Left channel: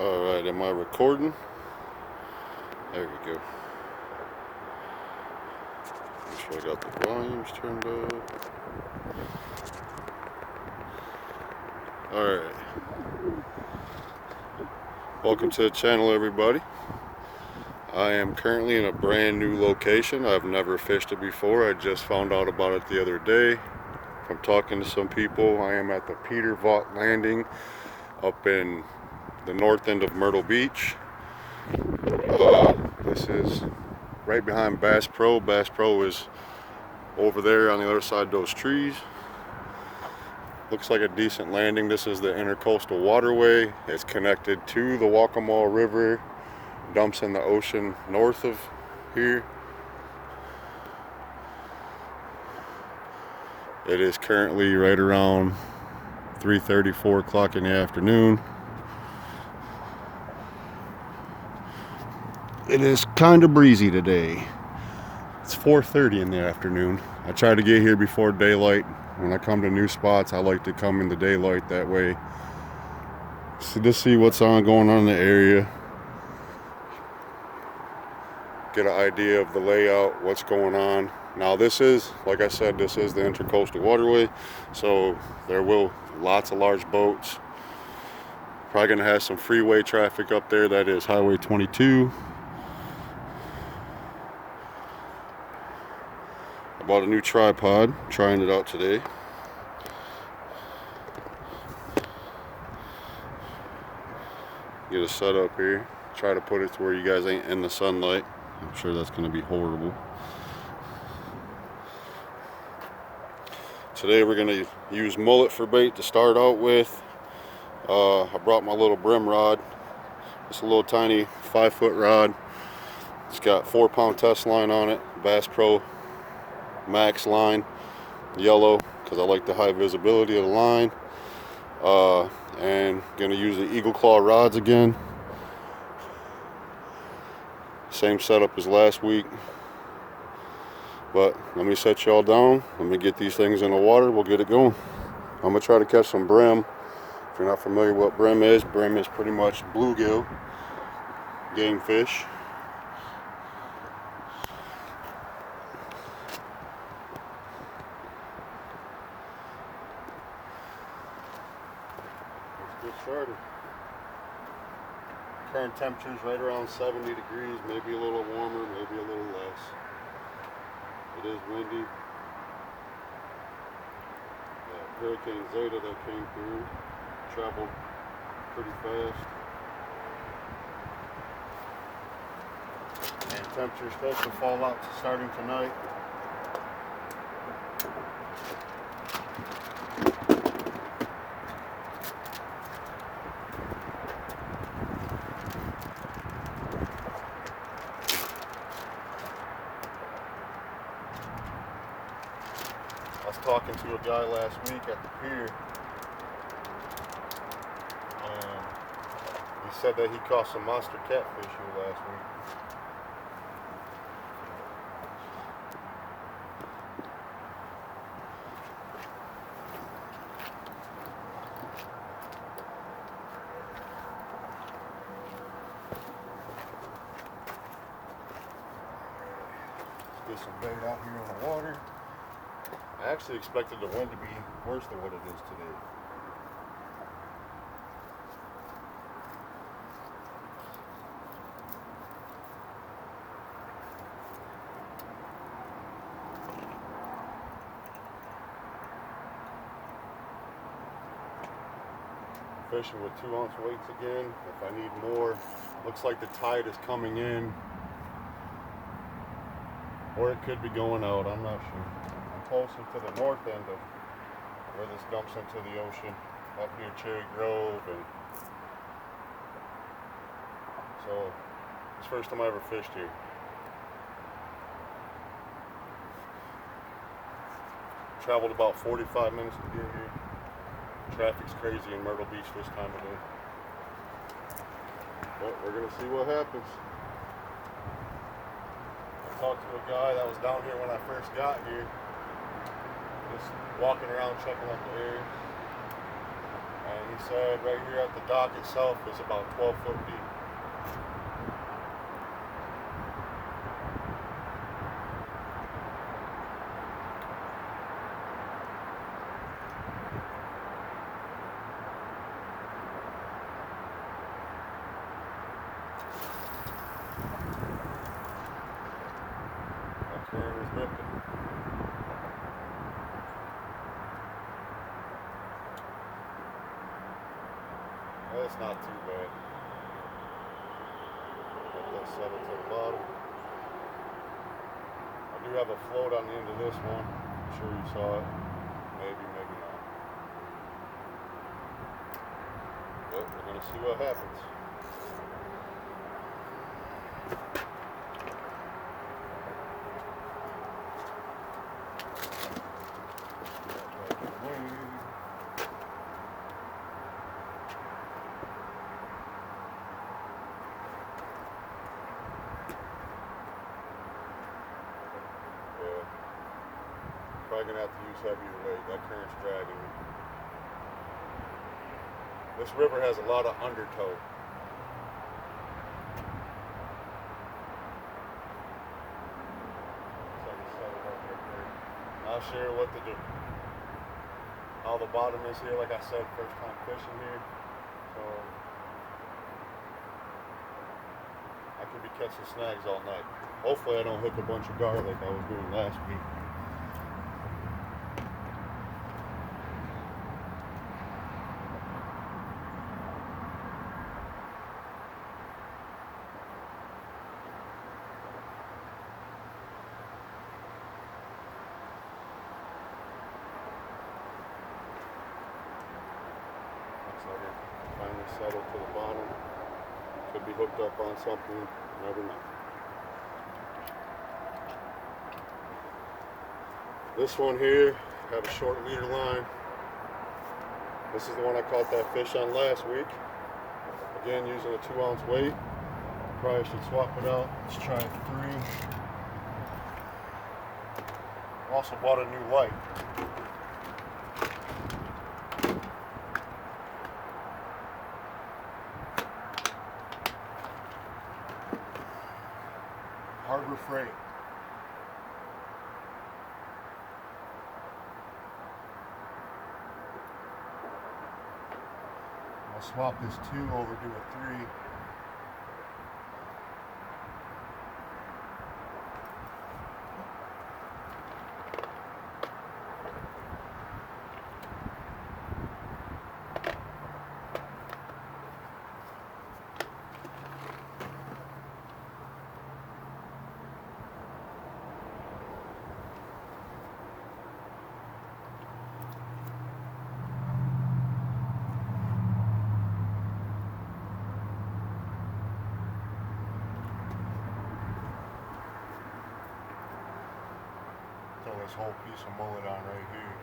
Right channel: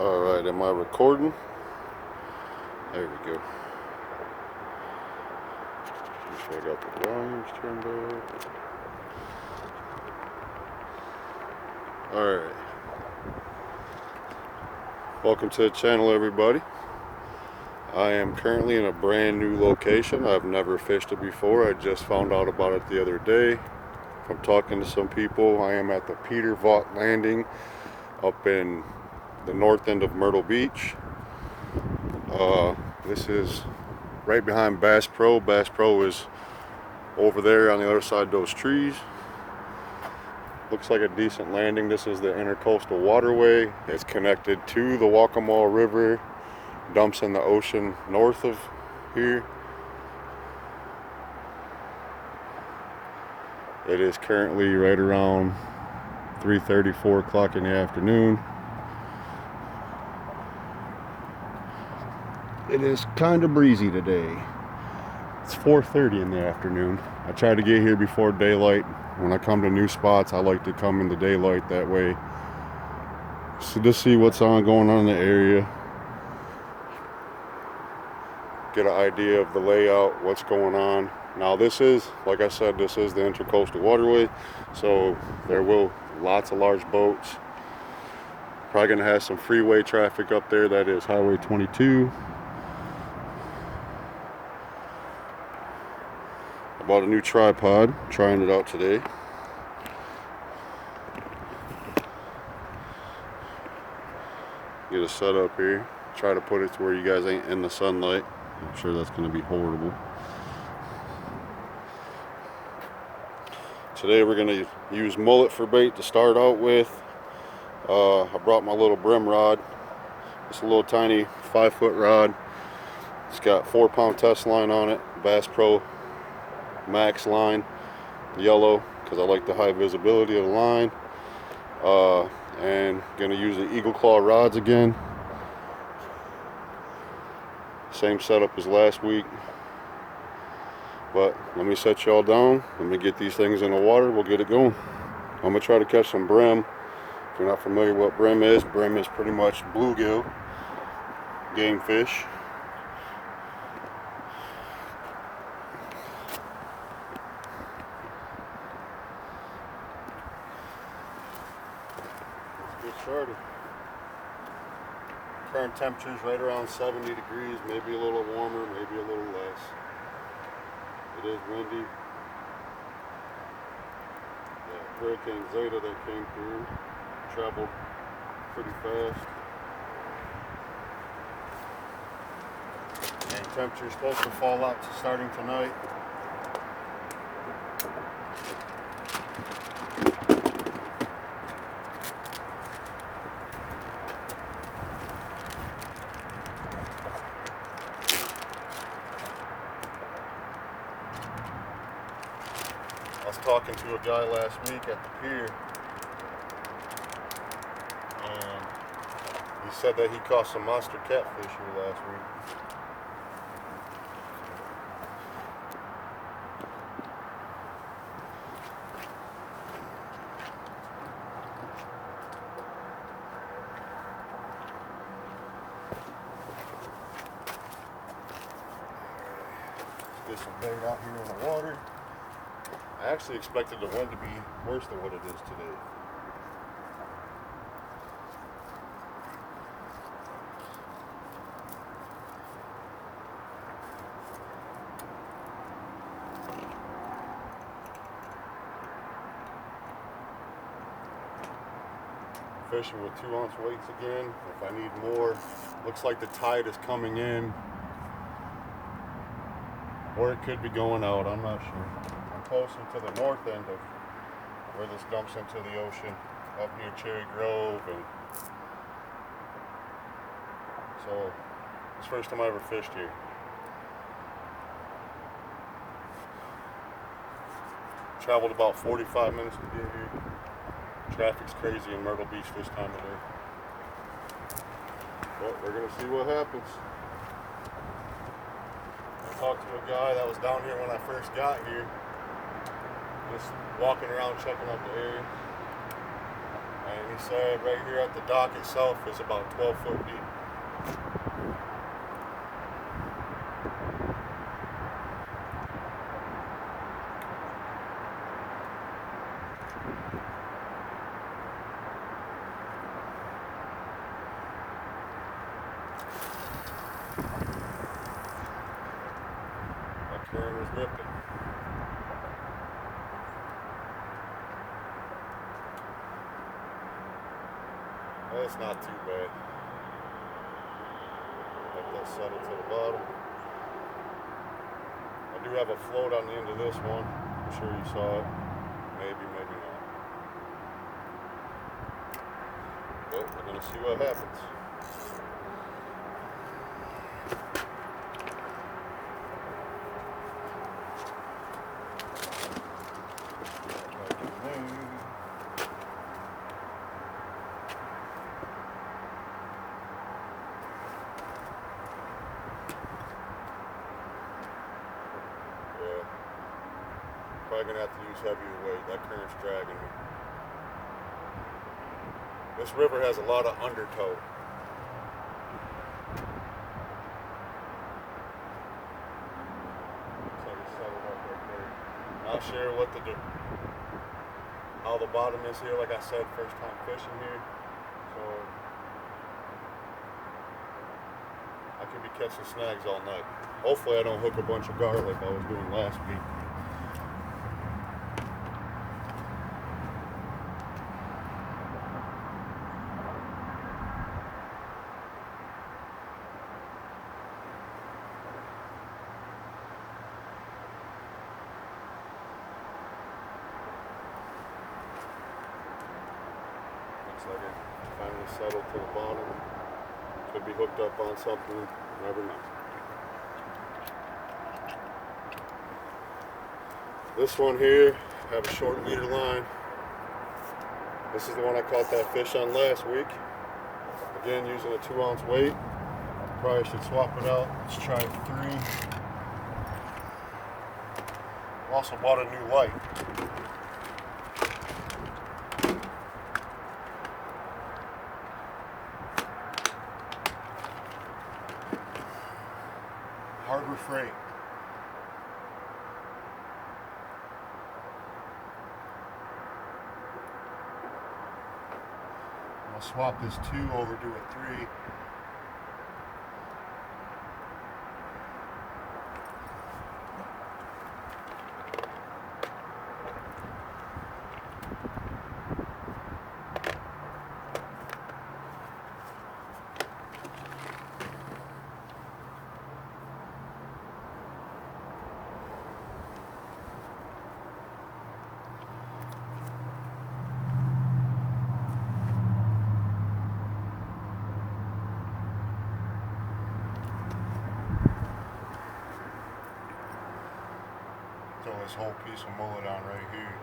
Alright, am I recording? There we go. Make sure I got the volumes turned up. Alright. Welcome to the channel, everybody. I am currently in a brand new location. I've never fished it before. I just found out about it the other day from talking to some people. I am at the Peter Vaught Landing up in the north end of Myrtle Beach. This is right behind Bass Pro. Bass Pro is over there on the other side of those trees. Looks like a decent landing. This is the Intercoastal Waterway. It's connected to the Waccamaw River. Dumps in the ocean north of here. It is currently right around 3:30, 4 o'clock in the afternoon. It is kind of breezy today. It's 4:30 in the afternoon. I try to get here before daylight. When I come to new spots, I like to come in the daylight, that way. So just see what's going on in the area. Get an idea of the layout, what's going on. Now this is, like I said, this is the Intercoastal Waterway. So there will lots of large boats. Probably gonna have some freeway traffic up there. That is Highway 22. I bought a new tripod, trying it out today. Get a setup here. Try to put it to where you guys ain't in the sunlight. I'm sure that's going to be horrible. Today we're going to use mullet for bait to start out with. I brought my little brim rod. It's a little tiny 5-foot rod. It's got 4-pound test line on it. Bass Pro Max line, yellow, because I like the high visibility of the line. And gonna use the Eagle Claw rods again. Same setup as last week. But let me set y'all down. Let me get these things in the water. We'll get it going. I'm gonna try to catch some brim. If you're not familiar with what brim is pretty much bluegill game fish. Get started. Current temperature's right around 70 degrees, maybe a little warmer, maybe a little less. It is windy. That Hurricane Zeta that came through traveled pretty fast. And temperature's supposed to fall out starting tonight. I was talking to a guy last week at the pier, and he said that he caught some monster catfish here last week. Let's get some bait out here in the water. I actually expected the wind to be worse than what it is today. Fishing with 2-ounce weights again. If I need more, looks like the tide is coming in, or it could be going out. I'm not sure. I'm closer to the north end of where this dumps into the ocean, up near Cherry Grove, and so it's the first time I ever fished here. Traveled about 45 minutes to get here. Traffic's crazy in Myrtle Beach this time of day. But we're gonna see what happens. I talked to a guy that was down here when I first got here, just walking around checking out the area. And he said right here at the dock itself is about 12 foot deep. That current is ripping. It's not too bad. Let that settle to the bottom. I do have a float on the end of this one. I'm sure you saw it. Maybe, maybe not. But we're gonna see what happens. Probably gonna have to use heavier weight. That current's dragging me. This river has a lot of undertow. Looks like it's settled up right there. I'll share what how the bottom is here. Like I said, first time fishing here, so I could be catching snags all night. Hopefully I don't hook a bunch of garlic like I was doing last week. Like it finally settled to the bottom. Could be hooked up on something, you never know. This one here, I have a short leader line. This is the one I caught that fish on last week. Again, using a 2-ounce weight. Probably should swap it out. Let's try a 3. Also bought a new light. Harbor Freight. I'll swap this 2 over to a 3. Throw this whole piece of mullet on right here.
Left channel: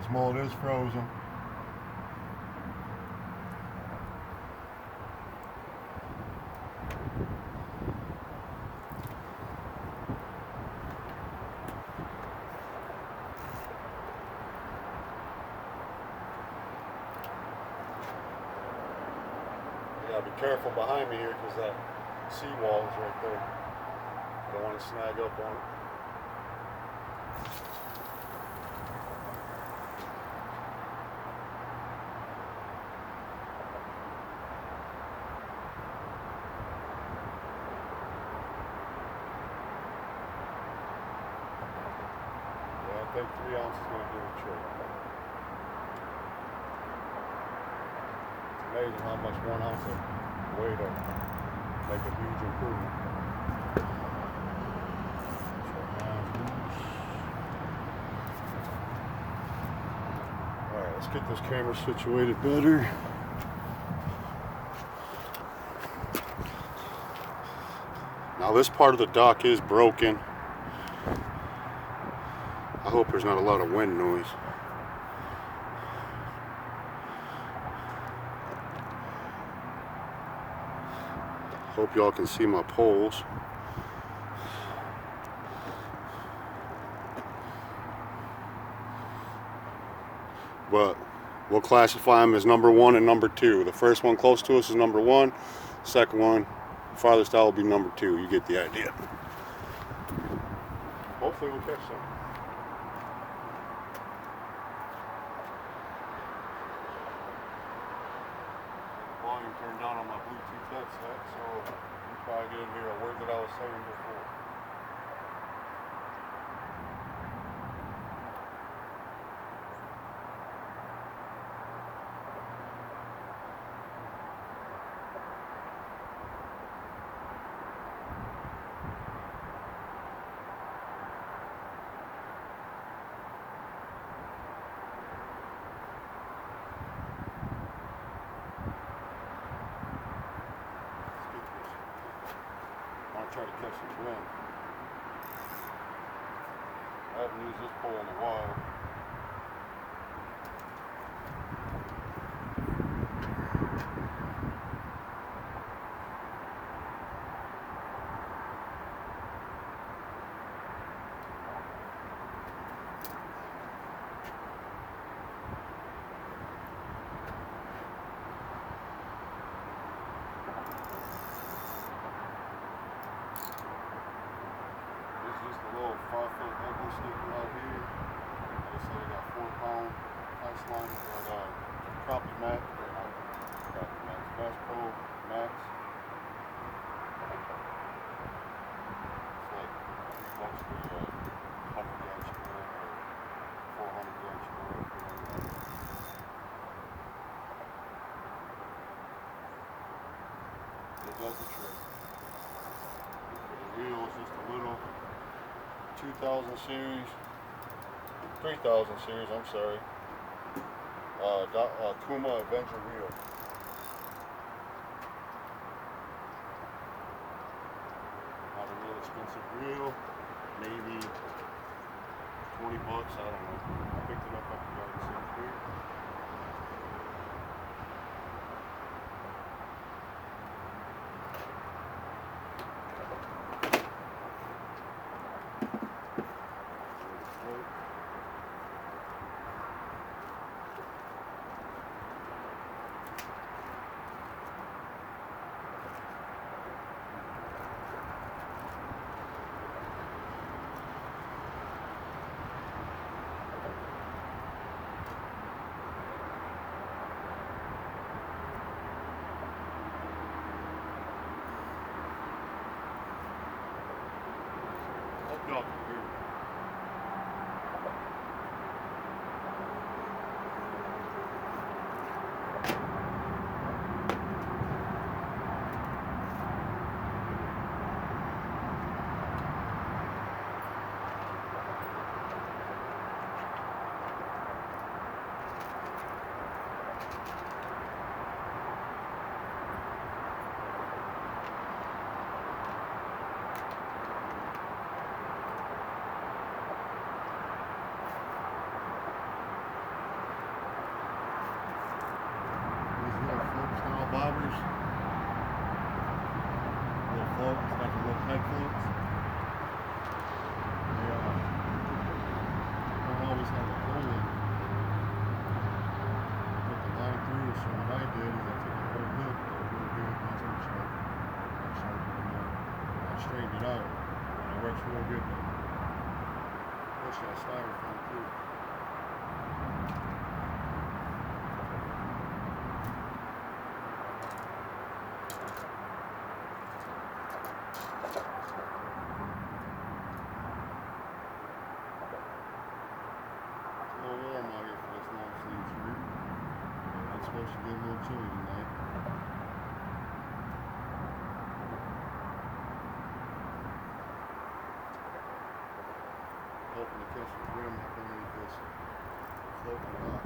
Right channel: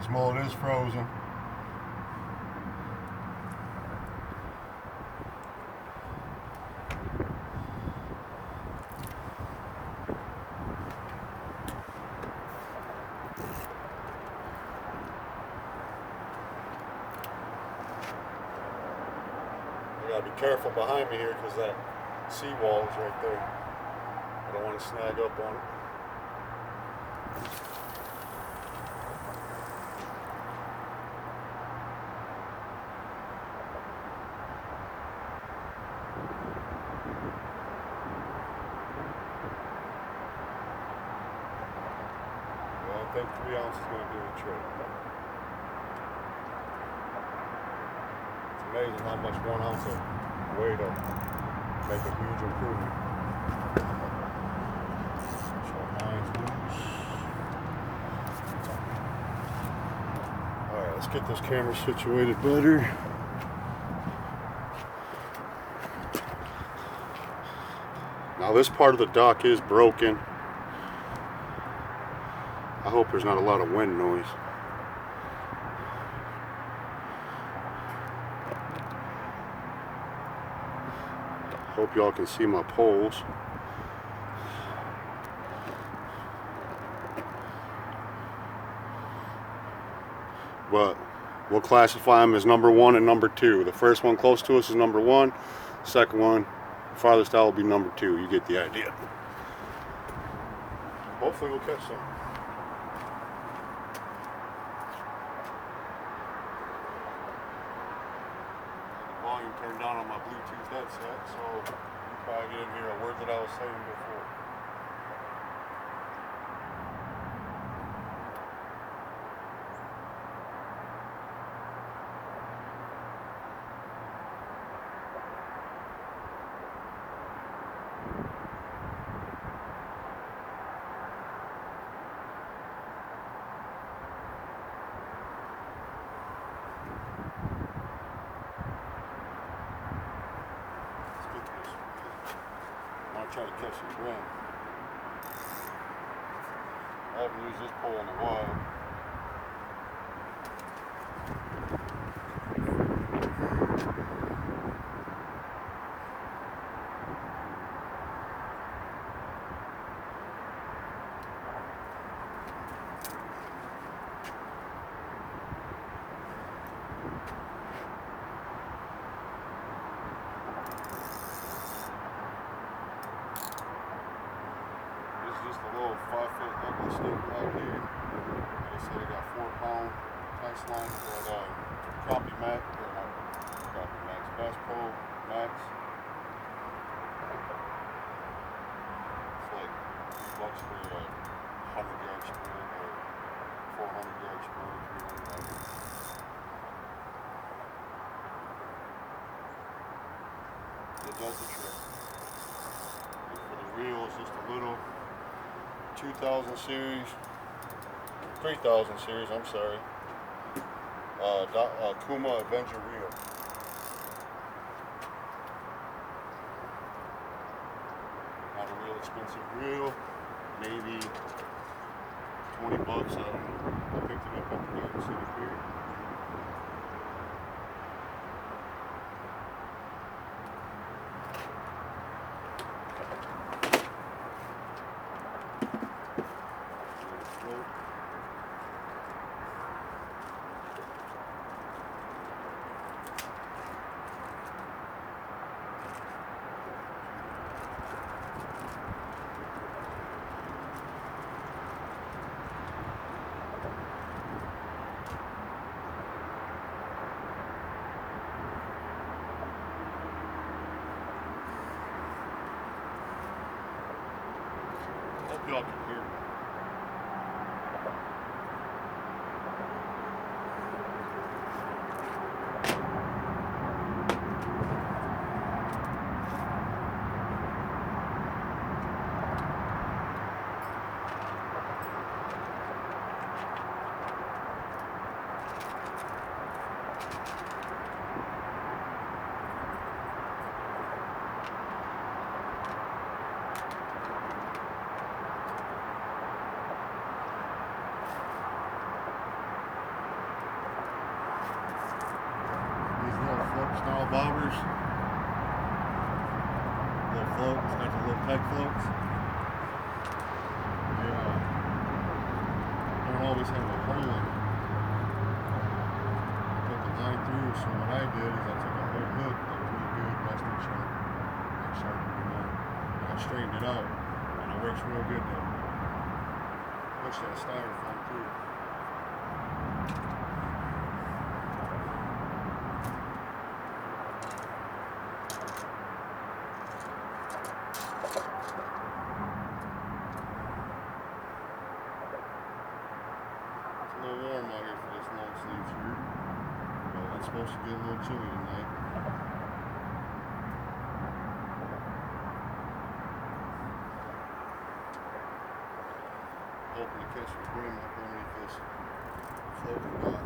This mullet is frozen. Gotta be careful behind me here because that seawall is right there. I don't want to snag up on it. Yeah, I think 3 ounces is going to do the trick. Amazing how much 1 ounce of weight will make a huge improvement. Alright, let's get this camera situated better. Now this part of the dock is broken. I hope there's not a lot of wind noise. Hope y'all can see my poles. but we'll classify them as number 1 and number 2. The first one close to us is number 1. Second one, farthest out, will be number 2. You get the idea. Hopefully we'll catch some. Volume turned down on my Bluetooth headset, so you probably didn't hear a word that I was saying before. I want to try to catch some brim. I haven't used this pole in a while. Just a little 5-foot ugly sneaker out here. Like I said, I got 4-pound test line with that Crappie Max, or not Crappie Max, Bass Pro Max. It's like $3 for a 100-yard spool or 400-yard spool, $300. It does the trick. And for the reel, it's just a little 2000 series, 3000 series, I'm sorry, Kuma Avenger reel. Not a real expensive reel, maybe 20 bucks, I don't know. I picked it up at the Garden City Pier. Hope y'all can hear me. Style bobbers, little float, it's got the little peg floats. They don't always have a hole in it. Put the line through, so what I did is I took a whole hook that was real good, rusted sharp, not sharp anymore, and I straightened it out, and it works real good to push that styrofoam through. A little warm out here for this long sleeve shirt, but it's supposed to get a little chilly tonight. Hoping to catch some brim up underneath this floating rock.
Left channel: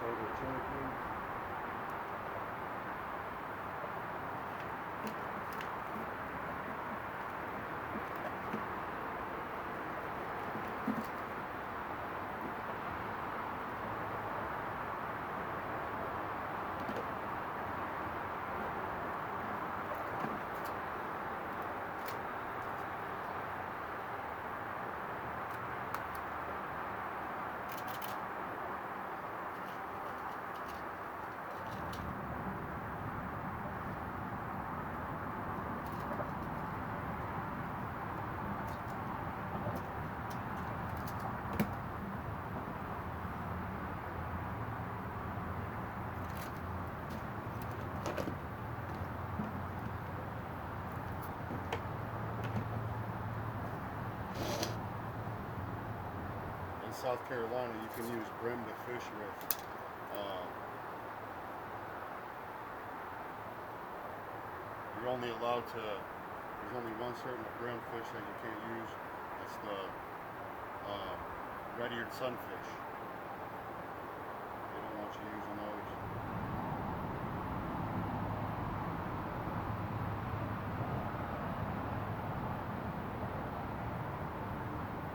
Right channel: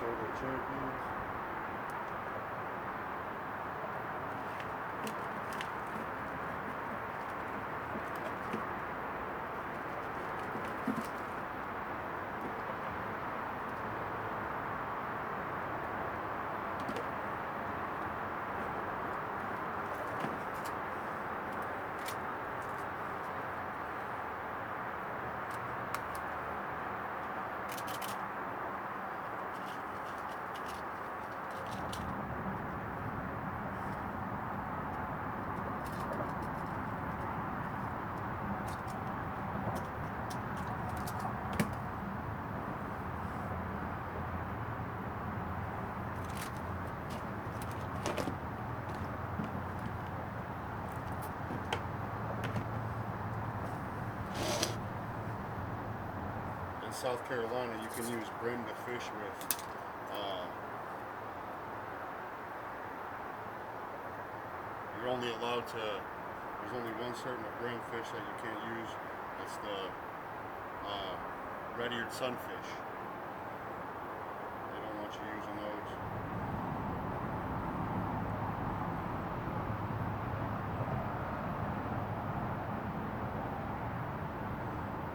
Solar champions. South Carolina, you can use brim to fish with. You're only allowed to, there's only one certain brim fish that you can't use. That's the red-eared sunfish. They don't want you using those.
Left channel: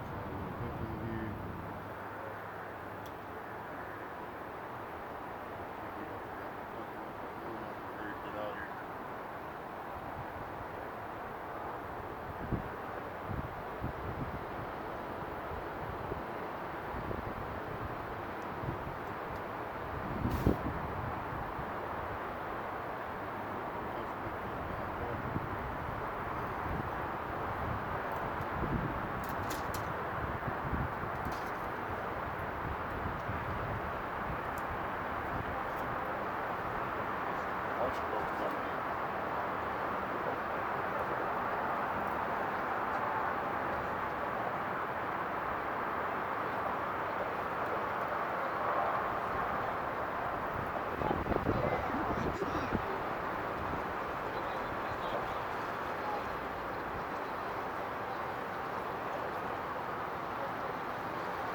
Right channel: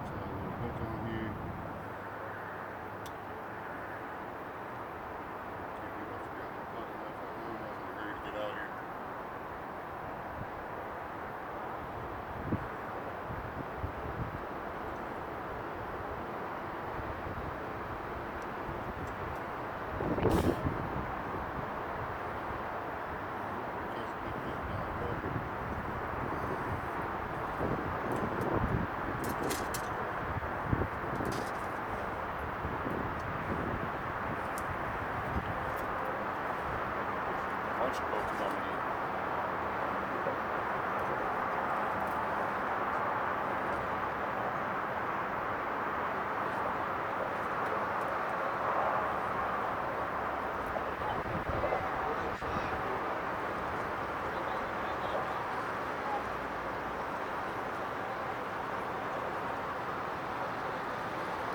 So a little hook on here. Can't believe I forgot my button up at home. I wasn't ready to get out here.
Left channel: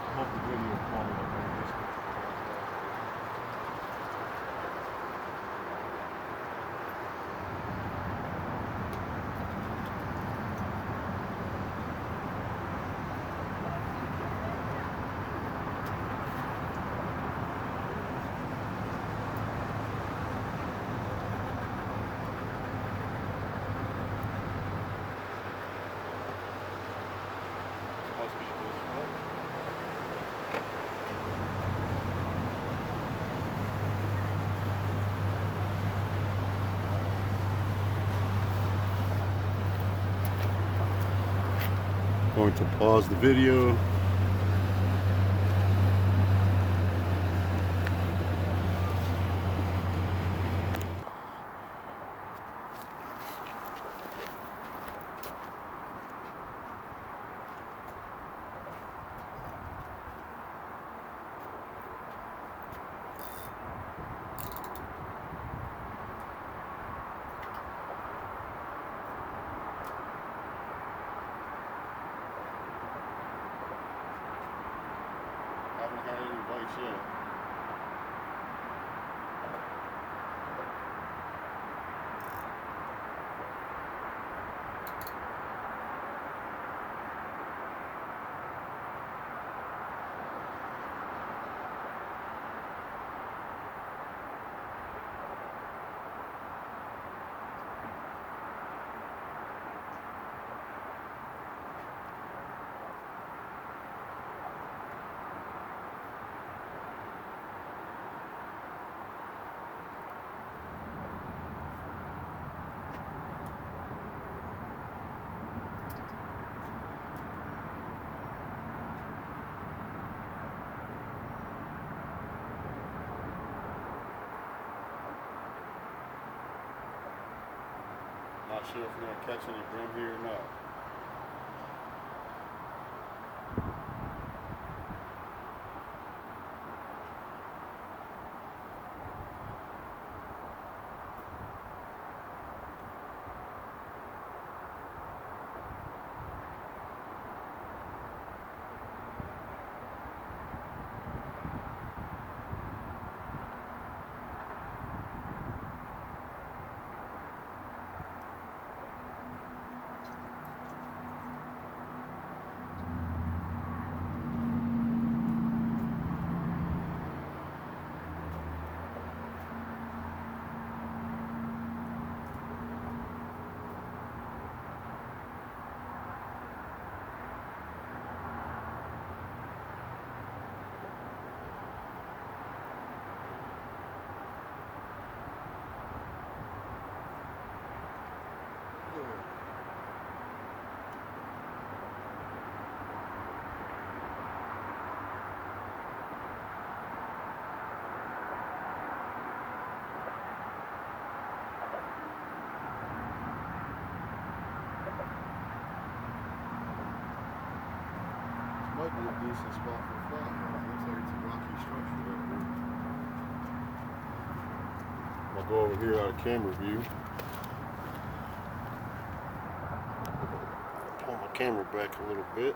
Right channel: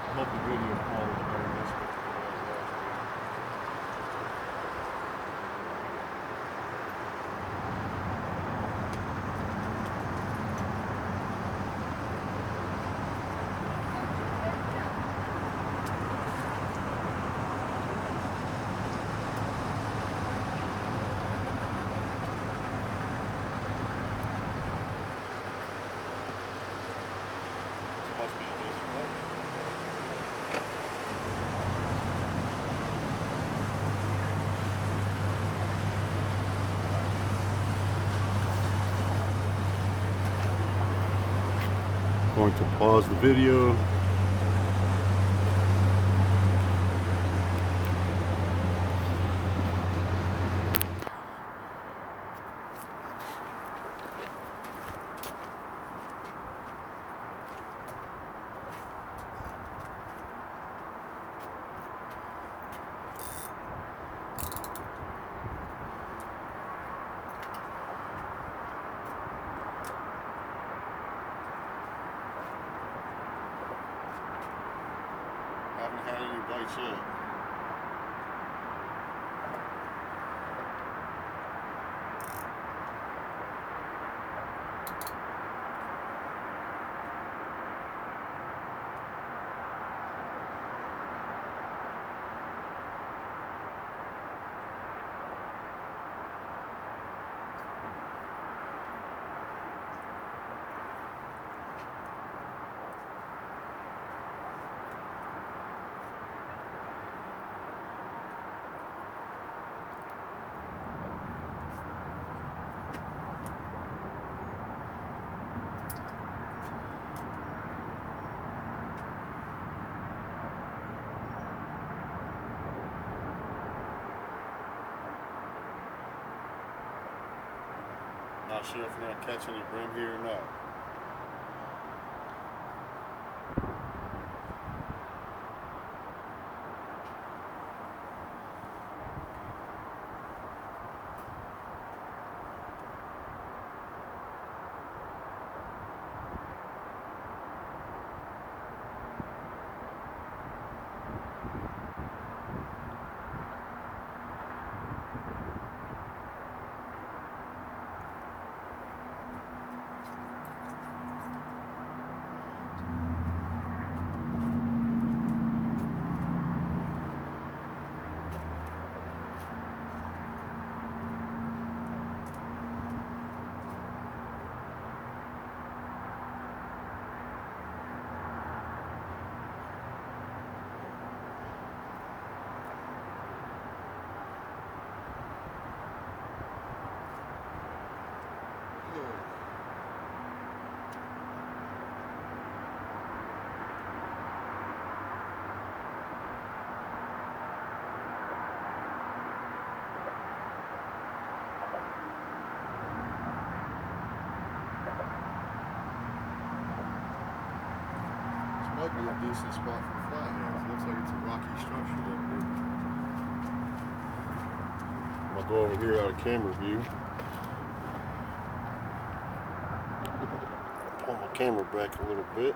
I hope the video quality is better this week than it was last week. This must be a decent one. Going to pause the video. Haven't had any bites yet. Not sure if we're going to catch any brim here or not. might be a decent spot for a flathead. It looks like it's a rocky structure up here. I'm gonna go over here out of camera view. Pull my camera back a little bit.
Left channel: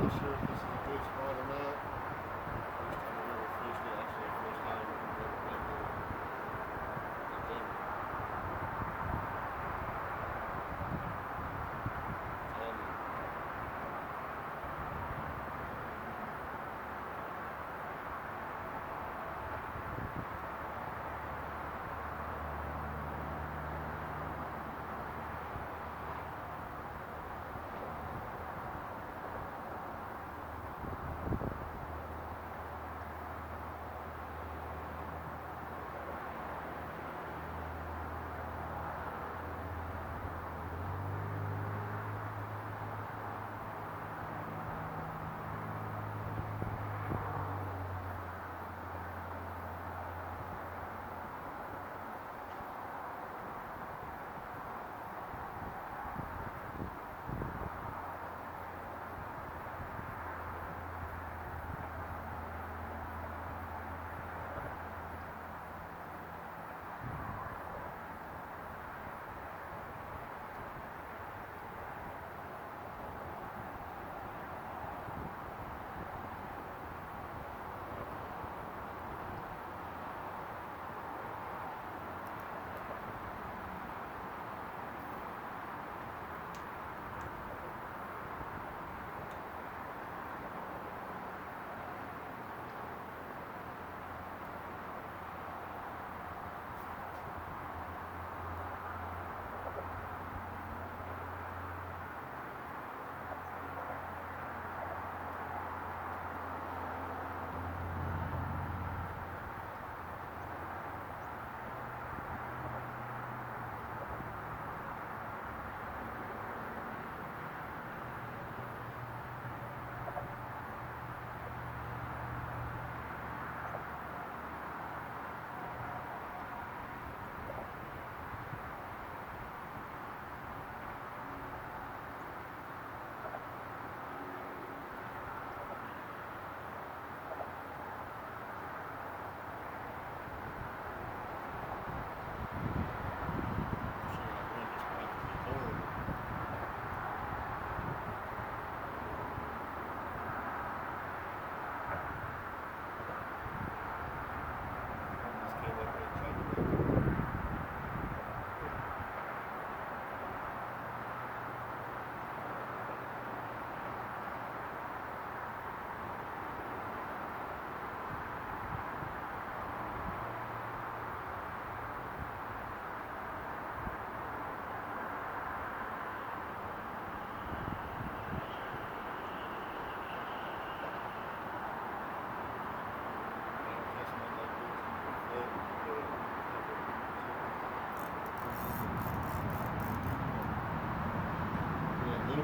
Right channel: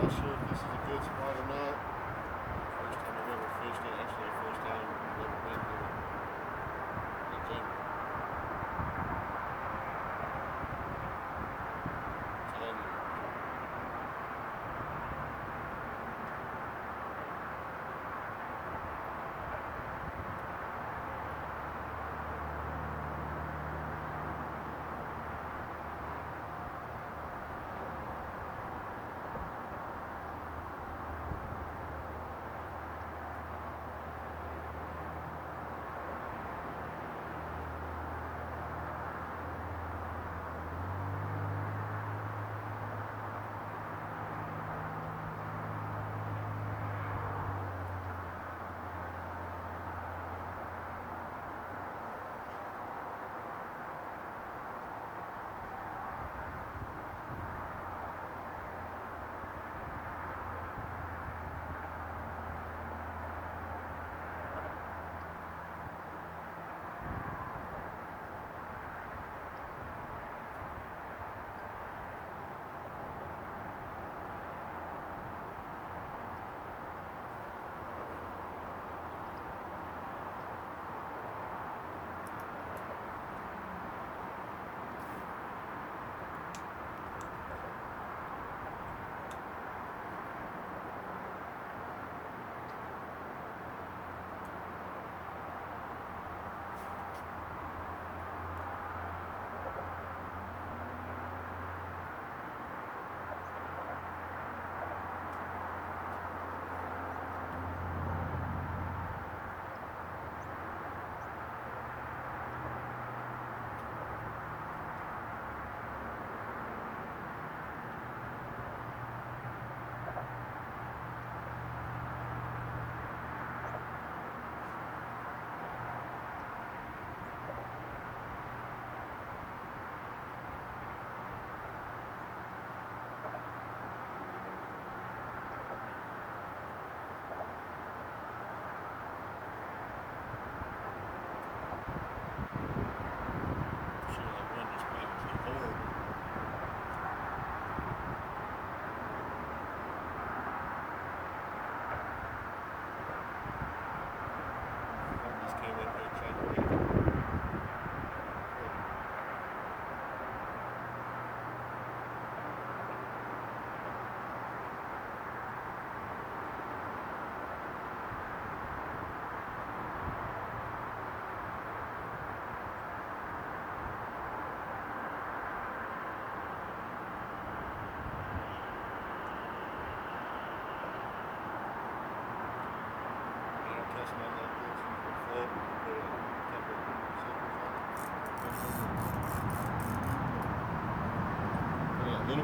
Not sure if this is a good spot or not. First time I've ever fished it. Actually, first time I've ever been here in general. It's all new.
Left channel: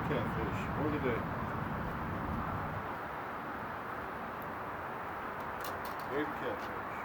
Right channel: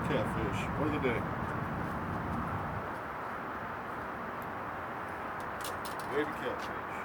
catfish of the day. Baby catfish.